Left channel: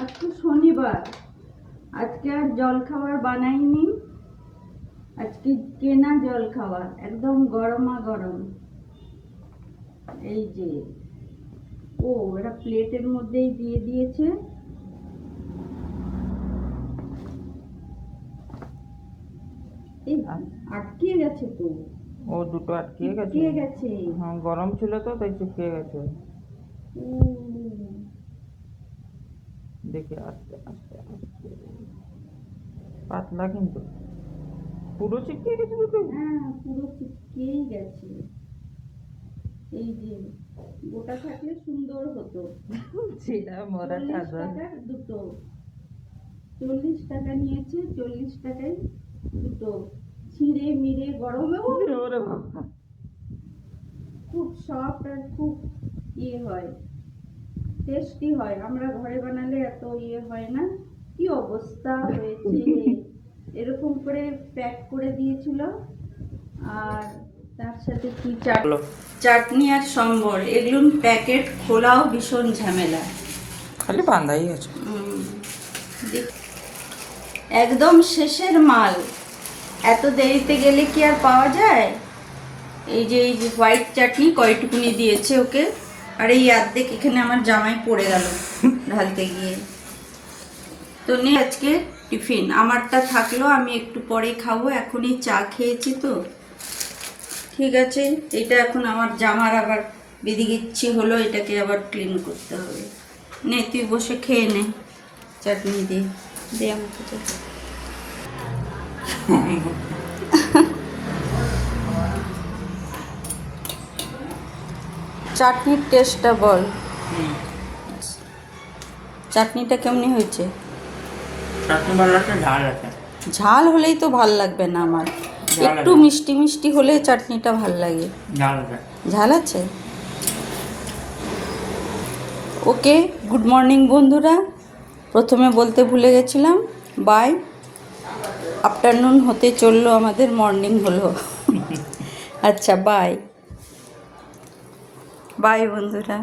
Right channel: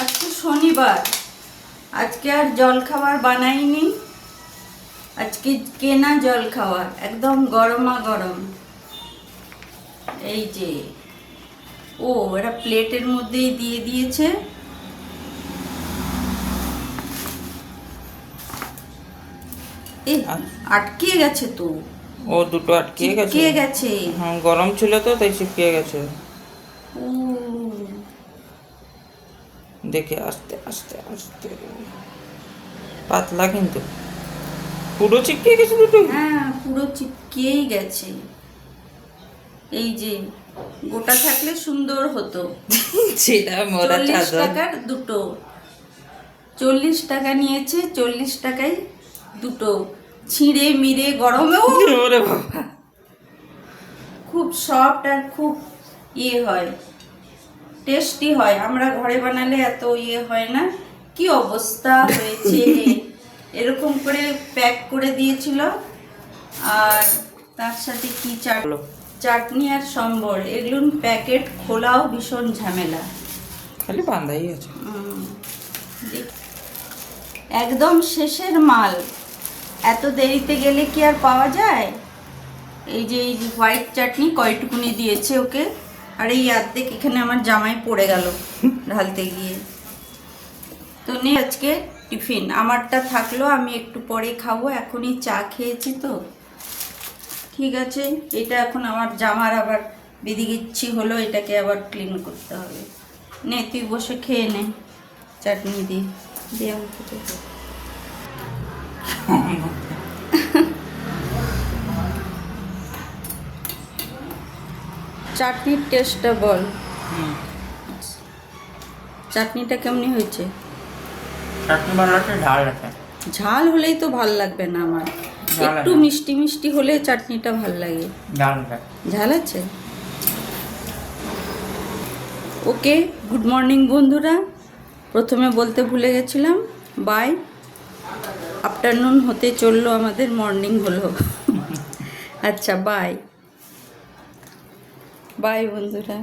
আজকে শনিবার, আজকে আর জল খাবার বানাইনি। আজকে কেনা জল খাবার, একদম গরমা গরম। এই যে এরা প্লেটের মধ্যেই দিয়ে দিয়েছে। আটকে গেছে তো, ও দুটো আটকে গেছে। হ্যাঁ, গরম ছিল তো তাই চিপকে গেছে। ও দেখে আস্তে আস্তে আস্তে, পাতলা কিন্তু পুরো চিপকে গেছে দুটো। হ্যাঁ, পুরো চিপকেই গেছে। এই যে গোটা থাকলে সুন্দর হতো। সেটা মোরা 40 চাদর। টাকার দুটো, 40 টাকা নিয়েছে, 40 টাকায় দুটো। ছিঁড়ে মিড়ে গরমেও ওরে বাবা, খুব সফট আর খুব হয়, টেস্টি হয়। আমরা ঘরে বানালে এত হয় না। কি অবস্থা হয়েছে! এরকম করে প্যাক করে দিয়েছিল, আর তার সাথে কি চাটনি আর সম্বর। এগুলো প্যাকেট খোলাও ভীষণ ঝামেলা। খালি বান্ধাই আছে। একদম শেষের মাল, এত দেরিতে গেলে কি আর পাওয়া যায়? এই যে হোয়াইট চাটনি কয়টুকুনি দিয়েছে ওকে, আর এই অর্ধেক এখানে আমার জামাই পড়ে গেল ঢালতে গিয়ে। তো নে আজকে টিফিন আমারটা থাকলো, আমি একটু পরে খাবো। এখনই চা খেয়েছি তো, ঠিক আছে। এটা এখন আমার জামার আবার বেদিগিচ্ছি হলো, এটাকে আবার ক্লিন করতে হবে। নে তুই বসে খেয়ে নে চাটনি দিয়ে দিয়ে আমাকে তো। চাটনির টেস্টটা বল, চাটনিটা কেমনি হয়েছে? চাটনি ভালো আছে, ঝাল আছে। ঝাল হলেই তো ভাল লাগবে না আমার, একটু মিষ্টি মিষ্টি হলে চাটনিটা ভাল লাগে। ঝাল আছে। ওকে, গুড মর্নিং বন্ধুরা। প্রথমে বলতে ভুলে গেছিলাম, বাই। আফটারনুন হতে চললো, আমাদের মর্নিং হলো। আচ্ছা, বাই বাই বন্ধুরা।